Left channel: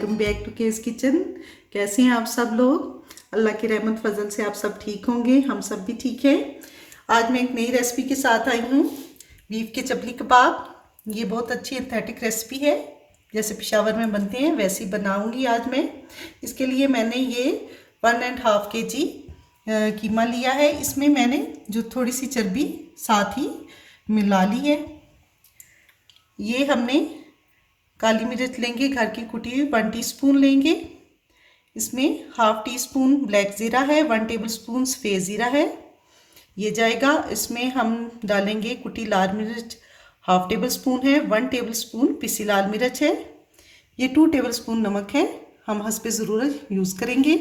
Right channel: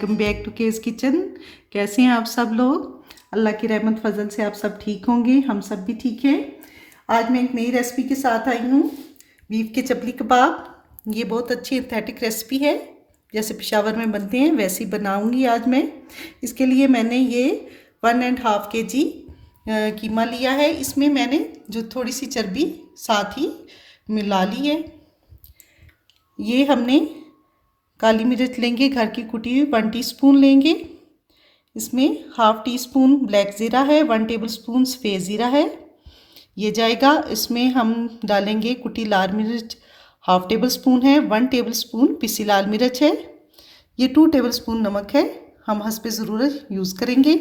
Welcome back to केस kitchen. कैसे हैं आप सब लोग? अल्लाह की रहमत फजल से आप सब ठीक होंगे, हम सब भी ठीक हैं। आज मैं एक नई रेसिपी के साथ आई हूँ, बीफ के चपली कबाब। ये बहुत अच्छी एस्थेटिक रेसिपी है, जैसे पेशावर में बनते हैं वैसे ही बनाऊँगी आज मैं। इसके लिए मैंने ये 1.5 kg कीमा लिया है। इसमें मैंने जो थोड़ी सी चर्बी साथ ही मिला ली है। ये हमने काली मिर्च लेंगे, घर की कुटी हुई 1 टीस्पून लेंगे। इसमें 1/2 टीस्पून ब्लैक ज़ीरा है, 1 टेबलस्पून सफ़ेद ज़ीरा है, ये जाएगा। इसमें हम डालेंगे कुटी लाल मिर्च 1/2 टेबलस्पून है, 1 टेबलस्पून पिसी लाल मिर्च है, ये 2 टेबलस्पून नमक है, हम हस्बे ज़रूरत यूज़ करेंगे।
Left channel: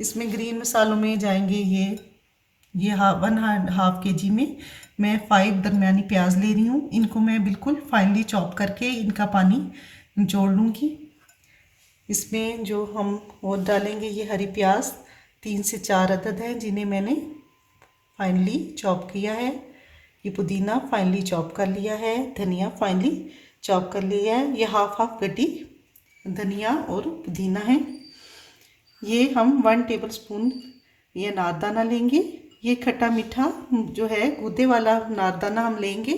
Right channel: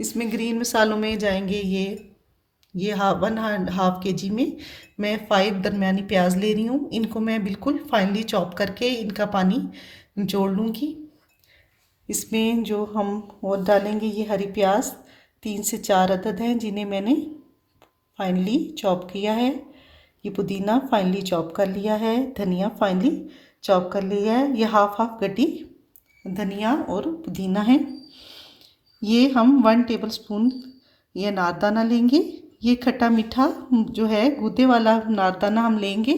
इसमें ग्रीन मसालों में जाएंगे ये 1/2 kg में मैं 5 दरमियानी प्याज ले रही हूँ। इनको मैं बिल्कुल फाइनली चॉप करके इनका पानी निचोड़ लूँगी। इसमें जो हम और डालेंगे ये हरी प्याज 3 से 4 अदद हैं, जिन्हें मैंने फाइनली चॉप किया है। ये पुदीना फाइनली चॉप कर लिया है, धनिया फाइनली चॉप कर लिया है। ये हाफ गड्डी धनिया और पुदीना है। ये हम 1 टेबलस्पून ये नारदाना लेंगे। ये खट्टा मीठा जो है गूदे वाला नारदाना हम लेंगे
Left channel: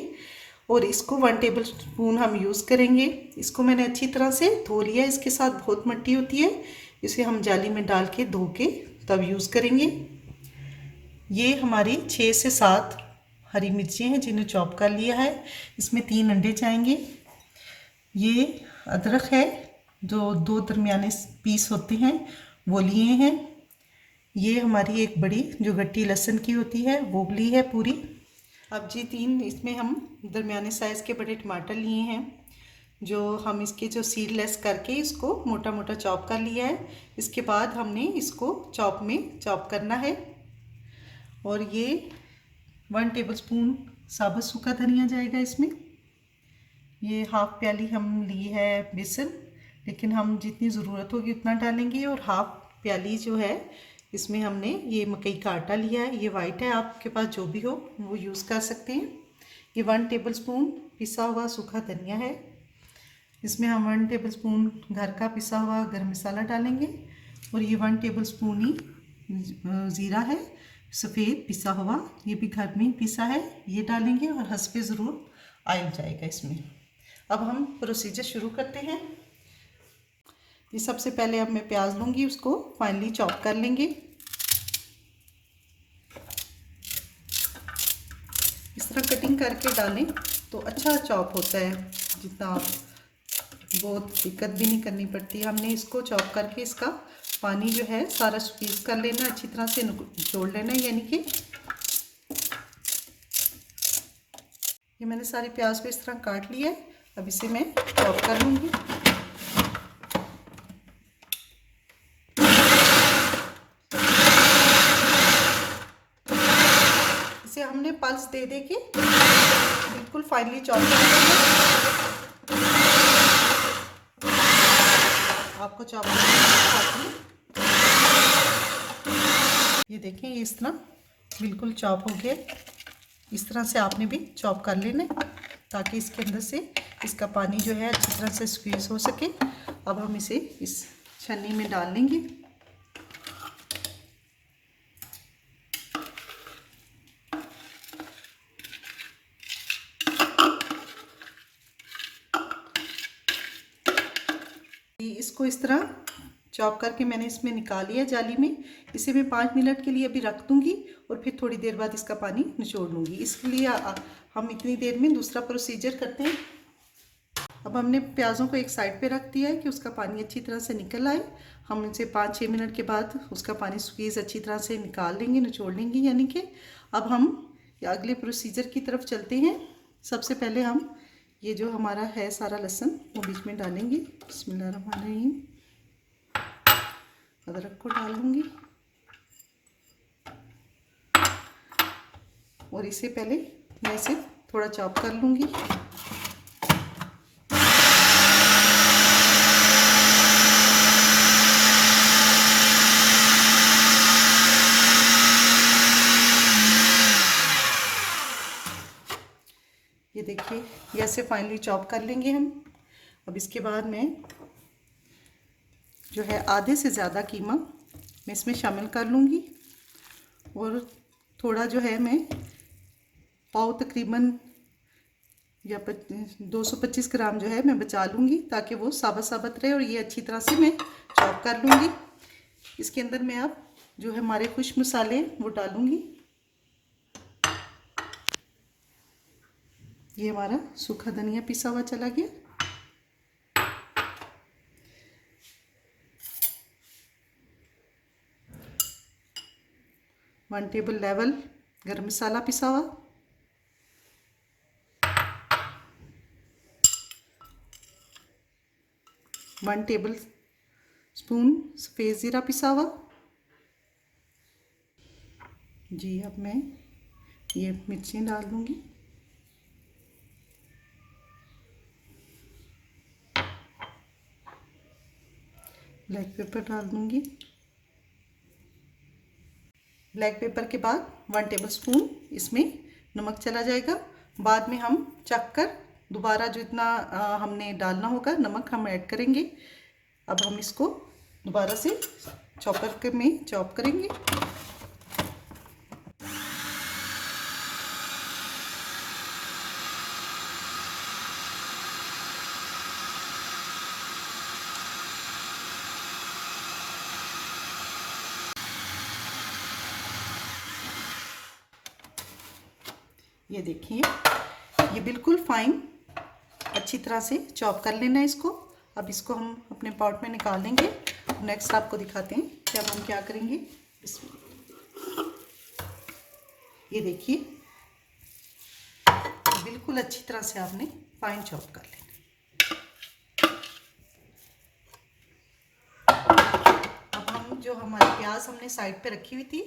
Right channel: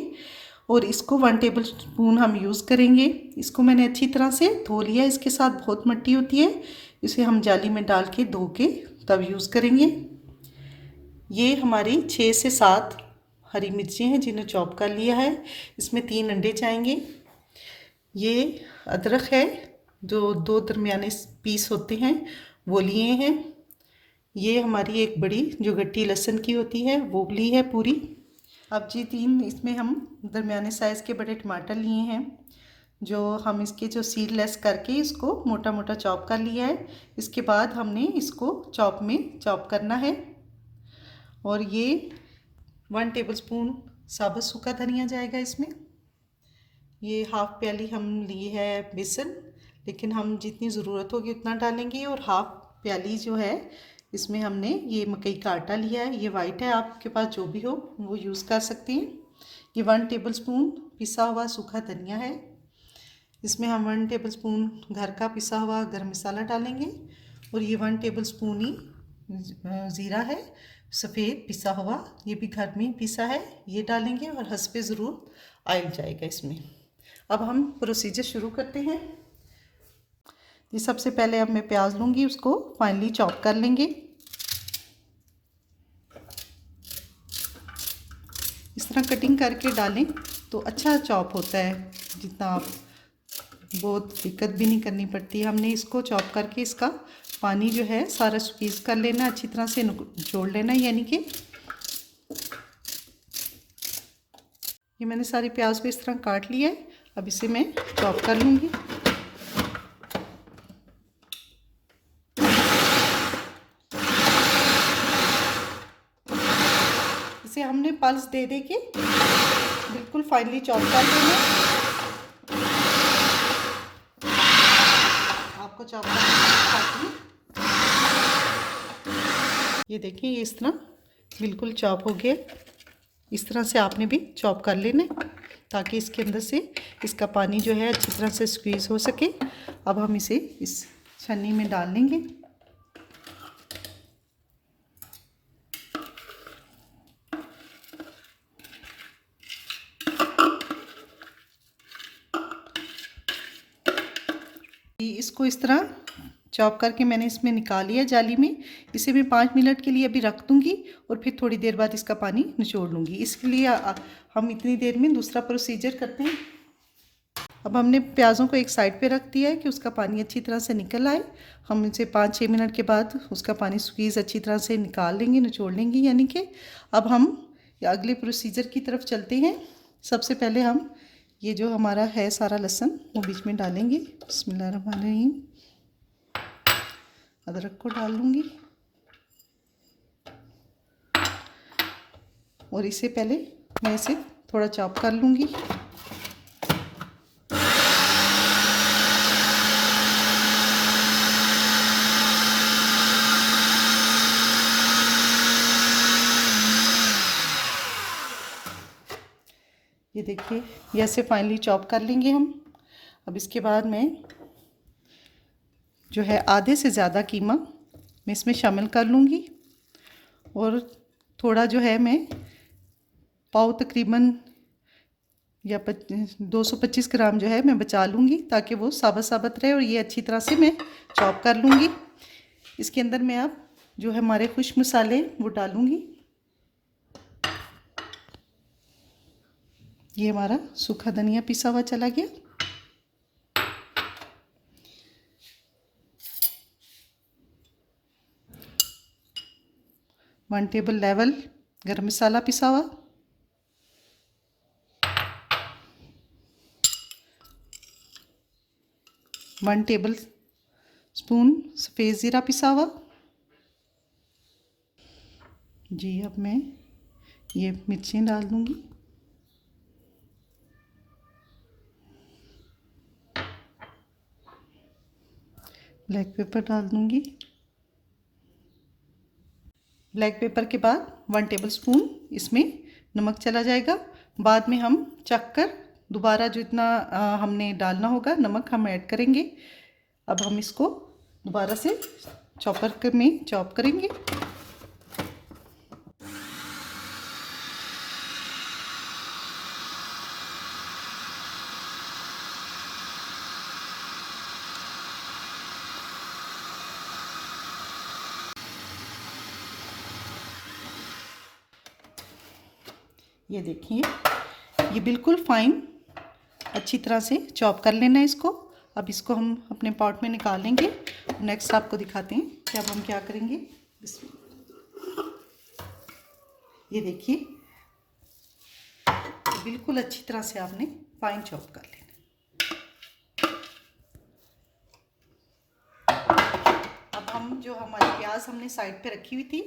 और इसको 1 टेबलस्पून हम यूज़ करेंगे। इसको मैंने अच्छी तरह से धो लिया, इसके साथ बहुत मिट्टी होती है, इसे हम जाली में डाल के धो के तब यूज़ करेंगे। ये हमारी 6 से 7 हरी मिर्चें हैं जिन्हें चॉप कर लिया है। इसमें 3 अंडे जाएंगे। ये अदरक है जो 2 दरमियाने पीस होते हैं वो लिए हैं। ये हमारी एक बड़ी जो गट्टी लहसुन की होती है वो ली है पूरी। अब जी 3 इसमें हम दरमियाने साइज़ के बड़े टमाटर लिए हैं, जो हम इसके जो सीडलेस करके इसको मोटा मोटा चॉप कर लिया है। इसके बाद हमने इसको चॉप करना है। और ये 1 टेबलस्पून साबुत सूखा धनिया जाएगा इसमें। ये 1/2 प्याली हम ली है बेसन, लेकिन हम जितनी ज़रूरत होगी उतना डालेंगे। और 1/2 प्याली जो है इसमें हमने ये मकई का आटा लिया है, ये वाइट है, आपके पास जो भी हो वो यूज़ कर सकते हैं। ये 1 टेबलस्पून पिसा हुआ सूखा धनिया है। इसमें हम 1 टेबलस्पून घर का पिसा हुआ गरम मसाला डालेंगे। और ये 1 टेबलस्पून ही ज़ीरा है सफ़ेद पिसा हुआ, ये भी घर में पिसा है, ये डालेंगे। और हस्बे ज़रूर ऑयल जाएगा इसमें। अब हम प्रोसीजर शुरू करते हैं। ये सबसे पहले अब मैं प्याज लूँगी, उसको फाइनली चॉप कर लेंगे। इस तरह कटिंग करके डालें तो अच्छा चॉप होता है, जितना आप बहुत दिक्कत भी नहीं करनी पड़ती। हमने इसको चॉप करके इसका पानी जो है सारा स्क्वीज़ कर लेना, अच्छी तरह से निचोड़ लेना। यानी कि ये मैंने सारी प्याज को इस तरह काट लिया है। अब इसे मैं चॉप कर लूँगी। इसे हमने पल्स दे दे के बिल्कुल फाइनली चॉप कर लेंगे। आपको चॉप करना, ये देखिए ये इस तरह बिल्कुल चॉप हो गया। इस तरह से आपने भी चॉप कर लेना ताकि इसके अंदर से इसका पानी जो है अच्छी तरह से स्क्वीज़ हो सके। अब हम इसे इस छन्नी में डाल लेंगे। इसको इस तरह चॉप करके मैंने इसमें निकाल लिया जाली में। इसे मैं 5 मिनट के लिए अभी रख दूँगी और फिर थोड़ी देर बाद इसका पानी निचोड़ लूँगी। इसके लिए हम इतनी देर में दूसरा प्रोसीजर करते हैं। अब हमने प्याज़ों को एक साइड पे रख दिया है कि उसका पानी अच्छी तरह से निकल आए। हम इसे 5-6 मिनट के बाद उसका पानी स्क्वीज़ अच्छी तरह से निकाल लेंगे, निचोड़ लेंगे। यानी कि अब हम अगले प्रोसीजर की तरफ चलते हैं। सबसे पहले हम ये जो हमारा है सारा लहसुन वो बीच में डालेंगे। बिस्मिल्लाहिर्रहमानिर्रहीम। अदरक को डाल लूँगी और इसे पहले मैं इसे थोड़ा चॉप कर लूँगी। ये देखिए ये ऐसे फाइनली चॉप कर लेंगे हम। अब इसके बाद मैं जो है आधे से ज़्यादा कीमा मैं इसमें शामिल कर लूँगी और थोड़ा जो है मैं पाव तकरीबन या 225 ग्राम जो है मैं बचा लूँगी ताकि वो साबुत साबुत रहे और ये अच्छी तरह से मैं चॉप कर लूँगी। इसके अंदर मैं अब जो है हमारे खुश्क मसाले वो डालूँगी। ये हमारा सूखा धनिया पिसा हुआ चला गया। वन टेबल लेवल गरम मसाला पिसा हुआ, 1 टेबल स्पून सफ़ेद ज़ीरा पिसा हुआ। जी अब मैं ये मिर्चें डाल दूँगी। ब्लैक पेपर डाल दूँगी। ब्लैक पेपर के बाद 1 टेबल स्पून इसमें नमक चला जाएगा। बाद में हम चख कर दोबारा जो इतना हमने डालना होगा नमक हम ऐड करेंगे। अब हम इसको दोबारा से चॉपर में चॉप करेंगे। ये देखिए ये बिल्कुल फाइन अच्छी तरह से चॉप कर लेना है इसको। अब इसको हम अपने पॉट में निकाल लेंगे। नेक्स्ट आपको दिखाते हैं कि अब हम क्या करेंगे। ये देखिए बिल्कुल अच्छी तरह से आपने फाइन चॉप कर लेना। अब हम जो हमारी प्याज हमने साइड पे रखी हुई थी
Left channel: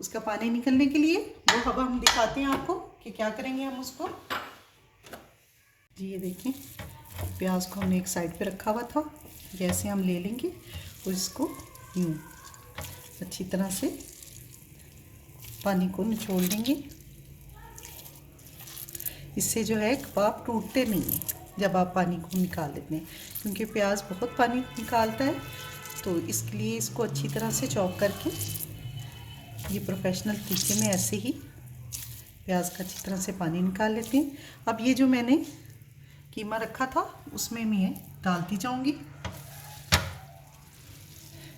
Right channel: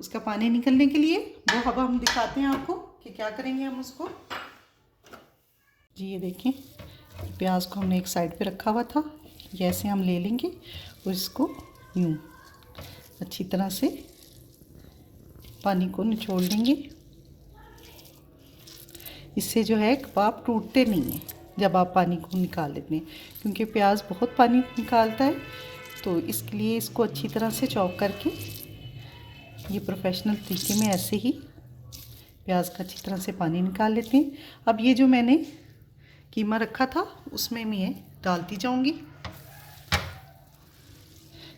उसका पानी निकलने के लिए वो अब हम दिखाते हैं आपको कि क्या करेंगे हम उसको। जी ये देखें प्याज को हमने एक साइड पे रखा हुआ था, जैसे हम ले लेंगे और इसको यूँ अच्छी तरह से पानी को निचोड़ लेंगे। इससे जो है कबाब टूटते नहीं हैं जब आप पानी को निकाल लेते हैं, क्योंकि प्याज बहुत पानी निकालता है। तो इसके लिए इसको अच्छी तरह से चॉप करके ये प्रोफेशनल तरीके में ऐसे ही प्याज का अच्छी तरह से पानी निकाल लेते हैं। अब ये जो मैंने कीमा रखा था उसमें मैं डालती जाऊंगी।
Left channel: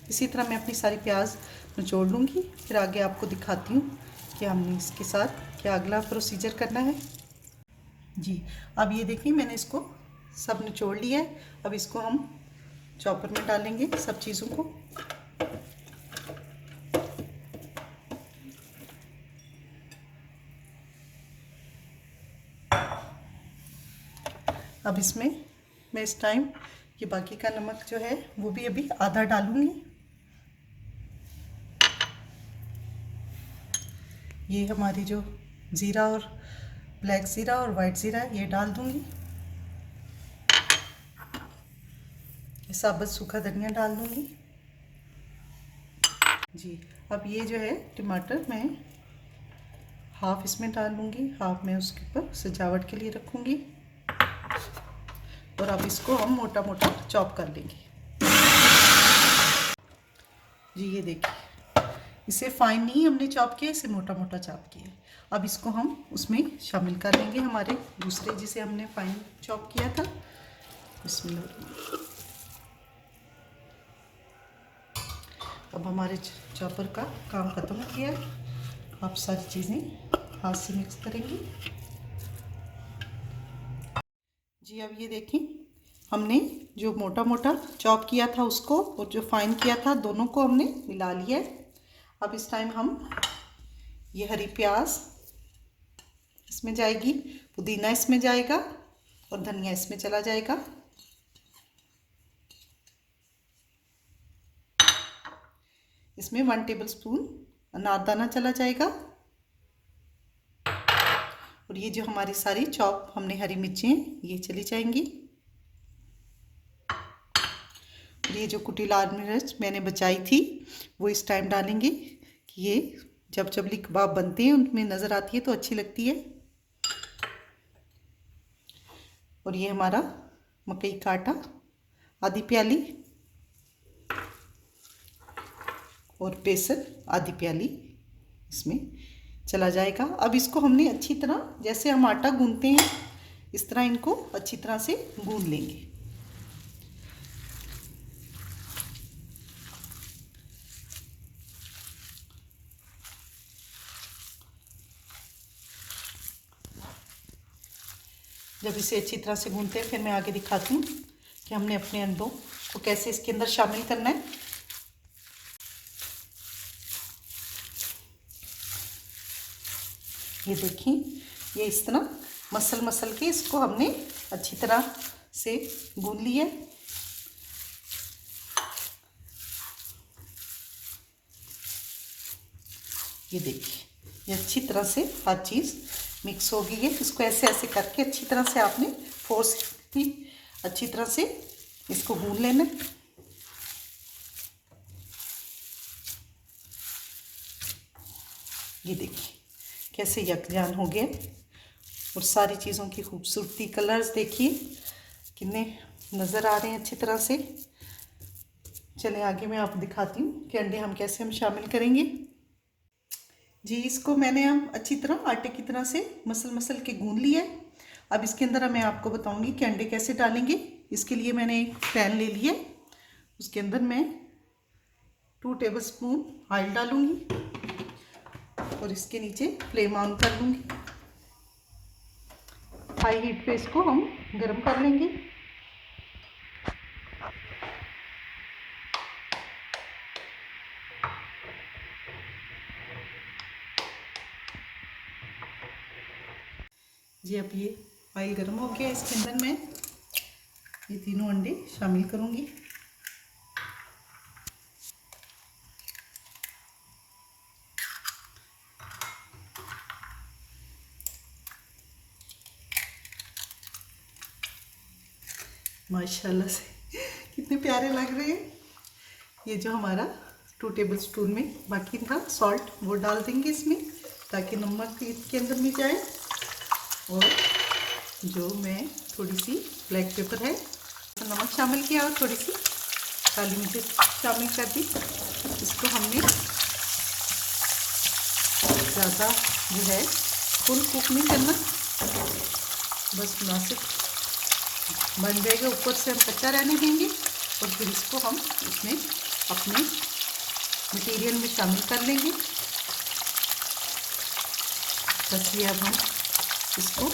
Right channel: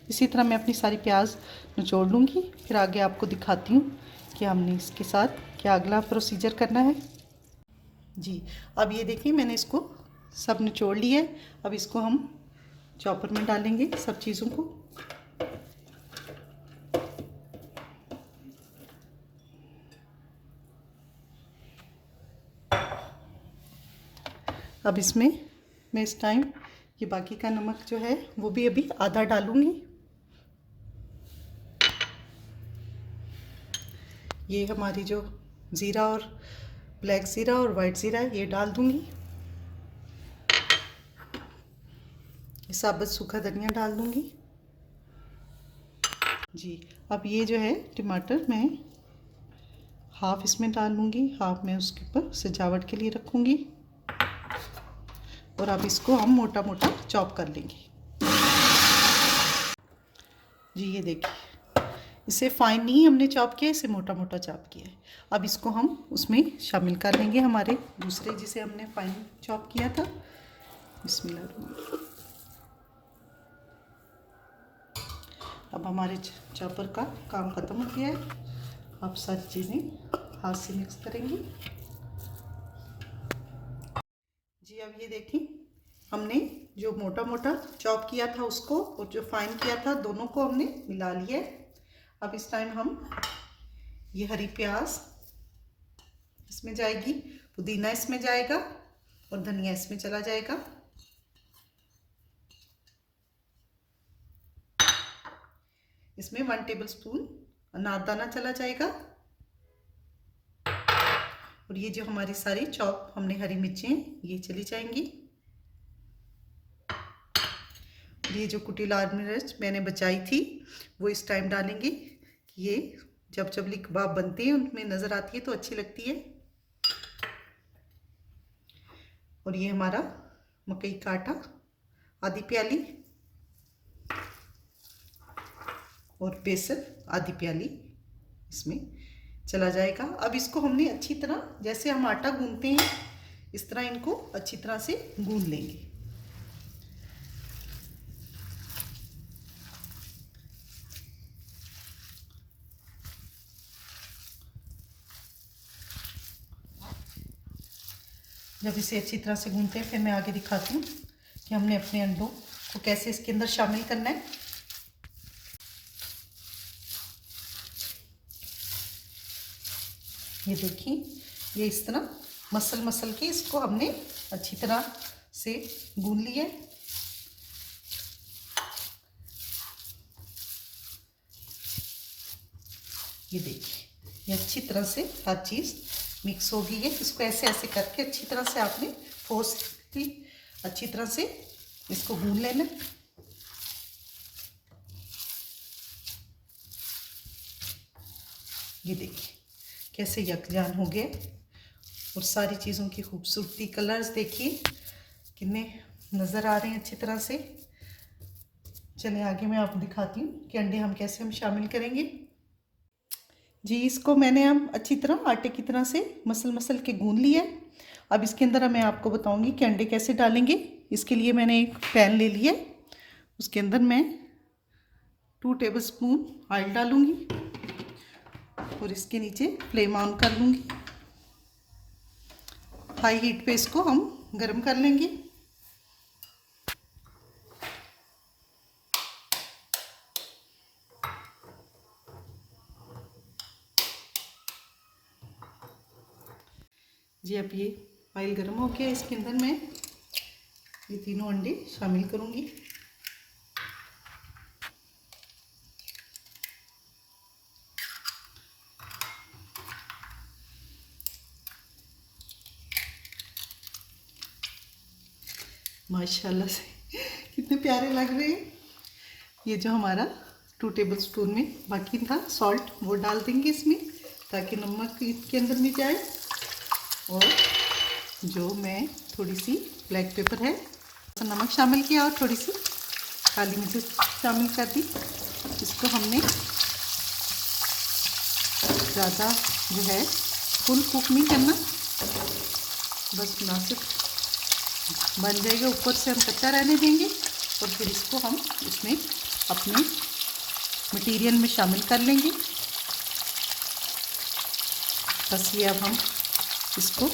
इसी तरह मैं अपनी सारी प्याज निचोड़ लूँगी। फिर आगे आपको दिखाती हूँ कि हमने इसके साथ क्या अगला प्रोसीजर करना है। जी अब ये देखिए मैंने इसको सब निचोड़ लिया है। अब इसको हम चॉपर में डालेंगे सब चीज़ों को। अब इसमें मैं इस टाइम ये बाकी का नमक जो है वो भी अभी आधा डालूंगी। ये हमारी जो ज़ीरा और ब्लैक ज़ीरा और वाइट ज़ीरा ये डाल दूंगी। ये साबुत सूखा धनिया डाल दूंगी। जी अब ये जो है टमाटर मैं हाफ इसमें डाल लूँगी, हाफ मैं उसके ऊपर सजावट के लिए रखूँगी। और अब इसको हम मोटा मोटा चॉप कर लेंगे। जी ये देखिए इसे फाइन नहीं हमने चॉप किया, इसे मोटा मोटा चॉप किया है। अब इसको हम उसमें शामिल कर लेंगे हमारे दूसरे जिसे हमने फाइन चॉप किया था। इसमें अब हमारे चॉपर का काम ख़त्म हो गया है। आप सारी चीज़ें हाथ से मिक्स करेंगे। जी अब ये देखें हमने जो मोटा मोटा चॉप किया था उसको और जो फाइन किया था दोनों को हमने मिला लिया है। अब इस टाइम हम ये हरी प्याज इसमें जाएगी, पुदीना इसमें जाएगा और धनिया इसमें चला जाएगा। इसमें 1 टेबल स्पून अनारदाना चला जाएगा और ये जो हमारी सारी चॉप हमने हरी मिर्चें ये चली जाएंगी। ये जो कुटी लाल मिर्च मैंने बचाई थी वो इस टाइम डालेंगे कि ये जब चबली कबाब बनते हैं उनमें नज़र आती है तो अच्छी लगती है। और ये हमारा मकई का आटा आधी प्याली। और बेसन आधी प्याली इसमें चला जाएगा। अब इसको हमने अच्छी तरह, जैसे हम आटा गूंथते हैं इस तरह इनको अच्छी तरह से गूंथ लेंगे। जब इसे अच्छी तरह से गूंथते हैं फिर मैं आगे दिखाती हूँ कि हमने अपने अंडों को कैसे इसके अंदर शामिल करना है। ये देखिए, ये इस तरह मसल के इसको हमने अच्छी तरह से गूंथ लिया। ये देखिए, ये अच्छी तरह से हर चीज़ मिक्स हो गई है। इसको ऐसे ऐसे करके अच्छी तरह से आपने फोर्सली अच्छी तरह से इसको गूंथ लेना है। ये देखिए कैसे यकजान हो गए और सारी चीज़ों की खूबसूरती, कलर्स देखिए कितने नज़र आ रहे हैं अच्छी तरह से। चलिए आगे मैं आपको दिखाती हूँ कि अंडे हम कैसे शामिल करेंगे। जी, इसको मैंने अब अच्छी तरह आटे की तरह से मसल के गूंथ लिया है। अब इसके अंदर मैं आपको बताऊंगी कि अंडे कैसे डालेंगे। इसके लिए मैंने एक पैन ले लिया, उसके अंदर मैं 2 टेबलस्पून ऑयल डालूंगी और इसके नीचे फ्लेम ऑन कर लूँगी। हाई हीट पे इसको हम गर्म कर लेंगे। जी, अब ये ऑयल गर्म हो गया, इसके अंदर मैं ये तीनों अंडे शामिल करूँगी। माशाल्लाह से कितने प्यारे लग रहे हैं। ये जो हमारा 2 टेबलस्पून में बाकी था सॉल्ट वो डाल देंगे इसमें ताकि नमक इसके अंदर में जाए। और जो मैं थोड़ी सी ब्लैक पेपर है तो नमक शामिल किया और थोड़ी सी काली मिर्च शामिल कर दी। इसको हमने ज़्यादा जो है फुल कुक नहीं करना, बस मुनासिब बन जाएगा। ऊपर से हम कच्चा रहने देंगे और फिर इसको हम इसमें अपने मटेरियल में शामिल कर लेंगे। बस ये अब हम इसको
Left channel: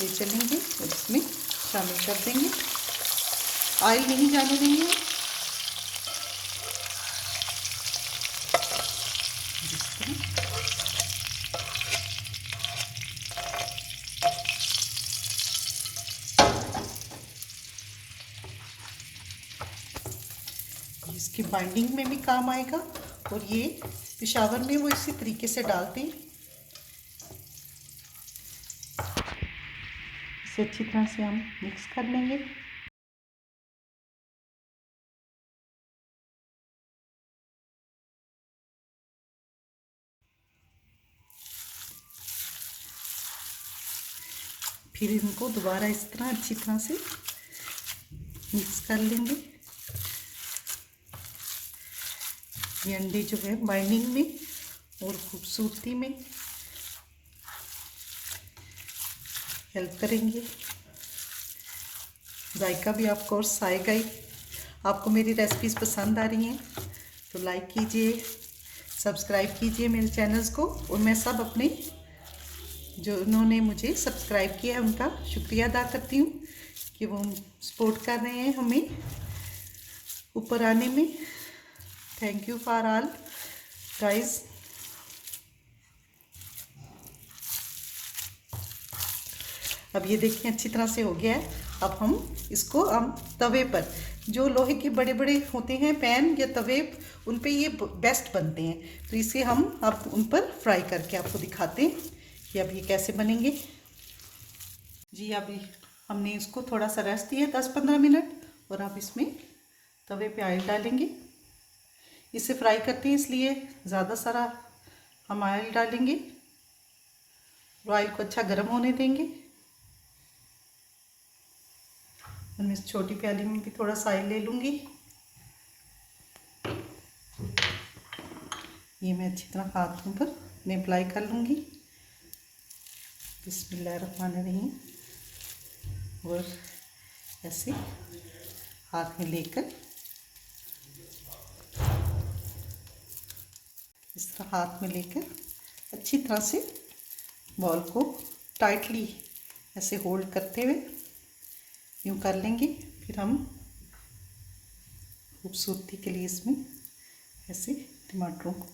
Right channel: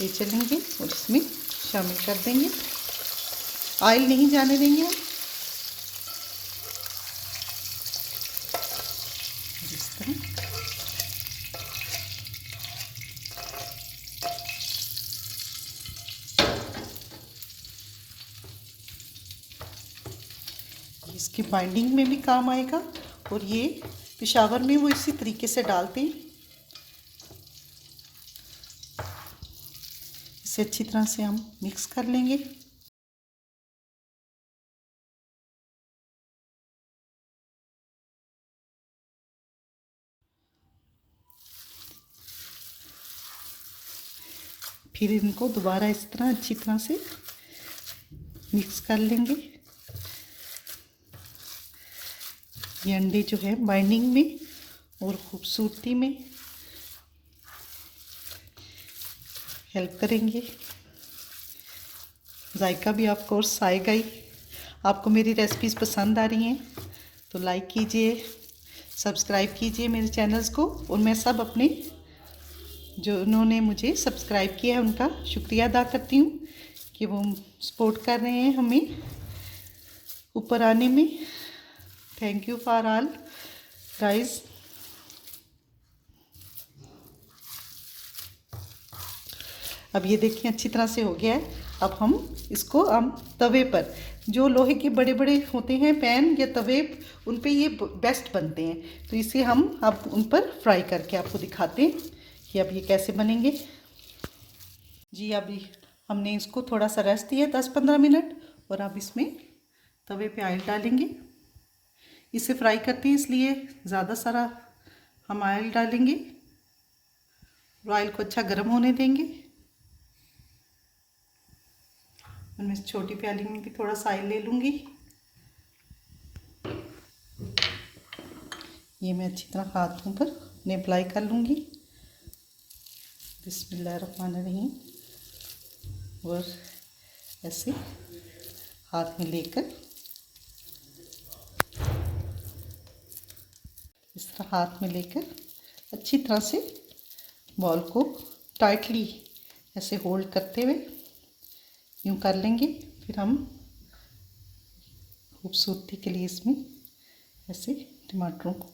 ले चलेंगे और इसमें शामिल कर देंगे। ऑयल नहीं जाने देंगे। इस तरह इसकी बाइंडिंग में भी काम आएगा और ये पेशावर में वो इसी तरीके से डालते हैं। इसे अच्छी तरह से हम मिक्स कर लेंगे। फिर इनको दोबारा इस तरह अच्छी तरह से मिक्स कर लेंगे। ये अंडे जो है बाइंडिंग में और खूबसूरती में हेल्प करेंगे। जायका भी ऑफ कोर्स आएगा ही। आपको मेरी रेसिपीज़ पसंद आ रही हैं तो लाइक कीजिए, सब्सक्राइब कीजिए मेरे चैनल्स को। और मैं सब अपने जो उन्होंने मुझे सब्सक्राइब किया है उनका शुक्रिया अदा करती हूँ कि वो सपोर्ट कर रहे हैं हमें ऊपर आने में। Thank you for all guys. अब ये देखिए अच्छी तरह से हो गया है। अब हम इसको तवे पर, जो लोहे के बड़े बड़े होते हैं पैन या तवे, उन पे ये बेस्ट बनते हैं, तो इसे हम अब उन पर फ्राई करके आपको दिखाते हैं कि अब ये कैसे बनेंगे। जी, अभी हमने इसको थोड़ा सा रेस्ट दिया 10-15 मिनट और अब इसमें तवे पे ऑयल डालेंगे। इसे फ्राई करते हैं इसलिए ज़्यादा सारा हम ऑयल डालेंगे। ऑयल को अच्छा गर्म होने देंगे। और मैं इस छोटी प्याली में भी थोड़ा सा ऑयल ले लूँगी। ये मैं अच्छी तरह हाथों पर ने अप्लाई कर लूँगी। बिस्मिल्लाहिर्रहमानिर्रहीम। और ऐसे हाथ में लेकर इस तरह हाथ में लेकर अच्छी तरह से बॉल को टाइटली ऐसे होल्ड करते हुए यूँ कर लेंगे। फिर हम खूबसूरती के लिए इसमें ऐसे टमाटरों को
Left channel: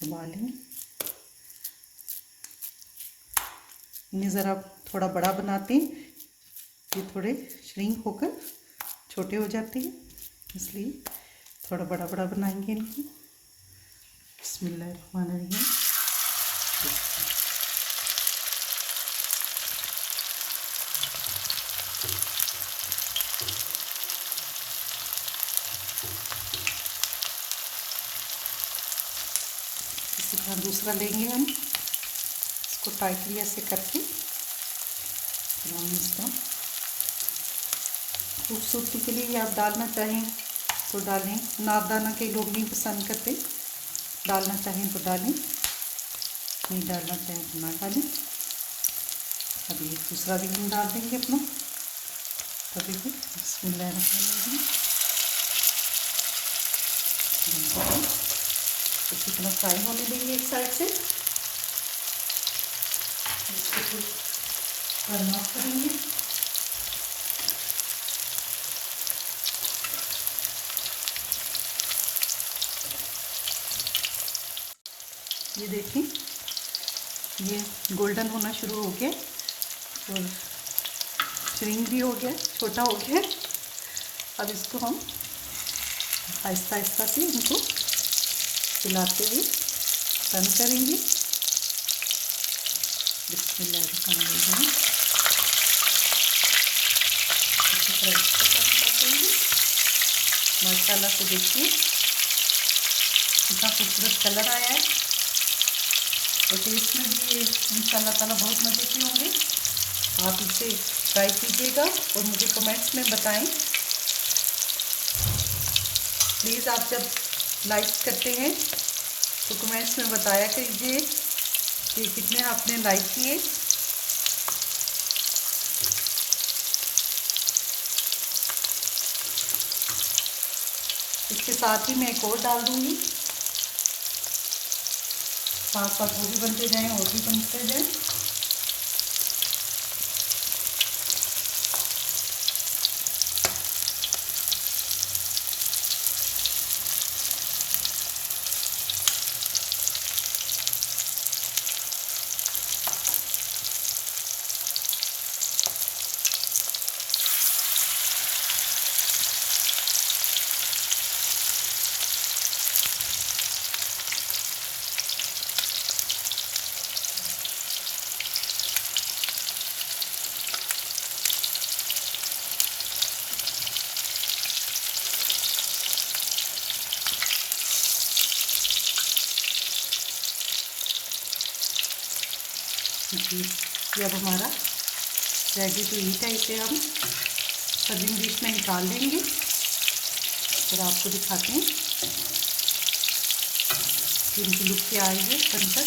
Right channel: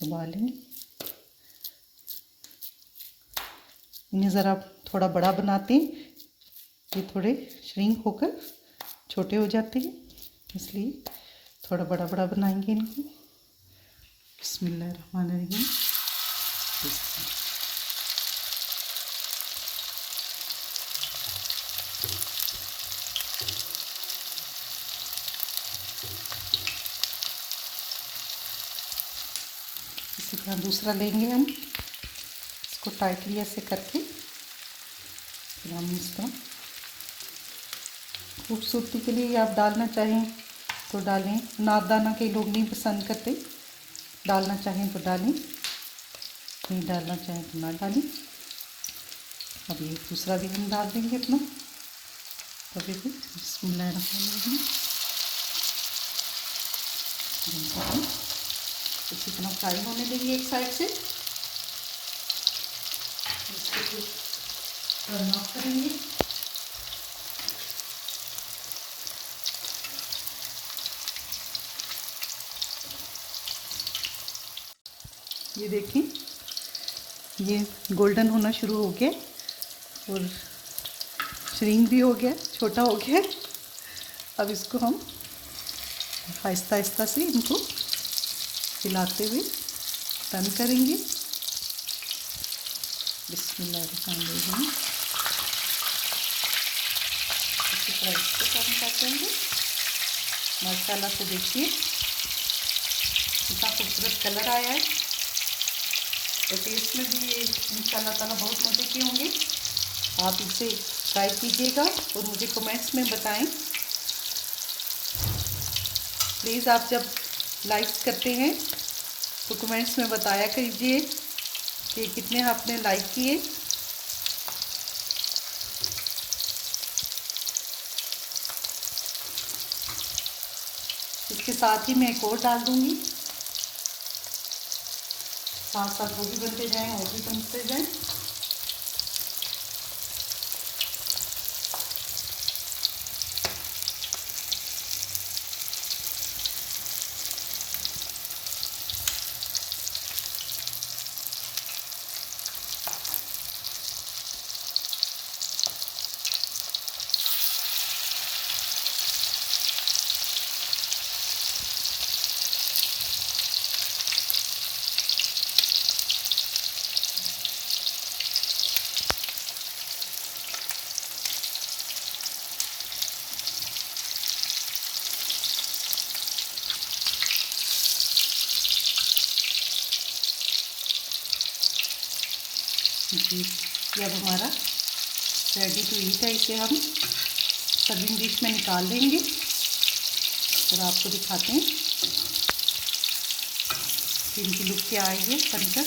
दबा लेंगे। इन्हें ज़रा थोड़ा बड़ा बनाते हैं, ये थोड़े श्रिंक होकर छोटे हो जाते हैं, इसलिए थोड़ा बड़ा बड़ा बनाएंगे इनको। बिस्मिल्लाहिर्रहमानिर्रहीम। इसी तरह दूसरा लेंगे हम, इसको टाइटली ऐसे करके फिर हम इस तरह खूबसूरती के लिए आप डालना चाहें तो डालें, नारदाना के लोग नहीं पसंद करते, डालना चाहें तो डालें, नहीं डालना चाहें तो ना डालें। अब ये दूसरा भी हम डाल देंगे अपना कभी भी। बिस्मिल्लाहिर्रहमानिर्रहीम। इसी तरह फ्राई होने देंगे एक साइड से, इसको फिर टर्न ऑफ करेंगे। ये देखिए ये गोल्डन होना शुरू हो गया और श्रिंक भी हो गया, छोटा हो गया। अब इसको हम आहिस्ता आहिस्ता से इनको हिलाते हुए टर्न करेंगे। बिस्मिल्लाहिर्रहमानिर्रहीम। अच्छी तरह इसको टर्न करते हैं। मसाला को देखिए कितना खूबसूरत कलर आया है और टेस्ट में भी ये इंशाल्लाह ताला बहुत मज़े के होंगे। आप इसे ट्राई कीजिएगा और मुझे कमेंट्स में बताएं। प्लीज़ आप जब लाइक करते हैं तो कमेंट्स में बताया कीजिए कि कितने आपने लाइक किए। इसके साथ ही मैं एक और डाल दूँगी, साथ साथ वो भी बनते जाएं और भी बनते जाएं। जी ये अब हमारा रेडी टू ईट है। इसे हम सर्विंग डिश में निकाल लेंगे और आपको दिखाते हैं कि इनकी लुक क्या आई है बनकर।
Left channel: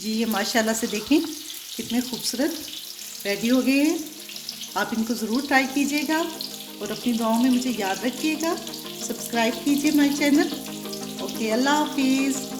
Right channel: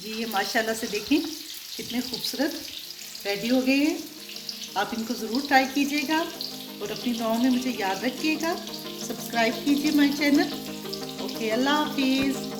जी ये माशाल्लाह से देखें कितने खूबसूरत रेडी हो गए हैं। आप इनको ज़रूर ट्राई कीजिएगा और अपनी दुआओं में मुझे याद रखिएगा। सब्सक्राइब कीजिए माय चैनल। ओके, अल्लाह हाफिज़।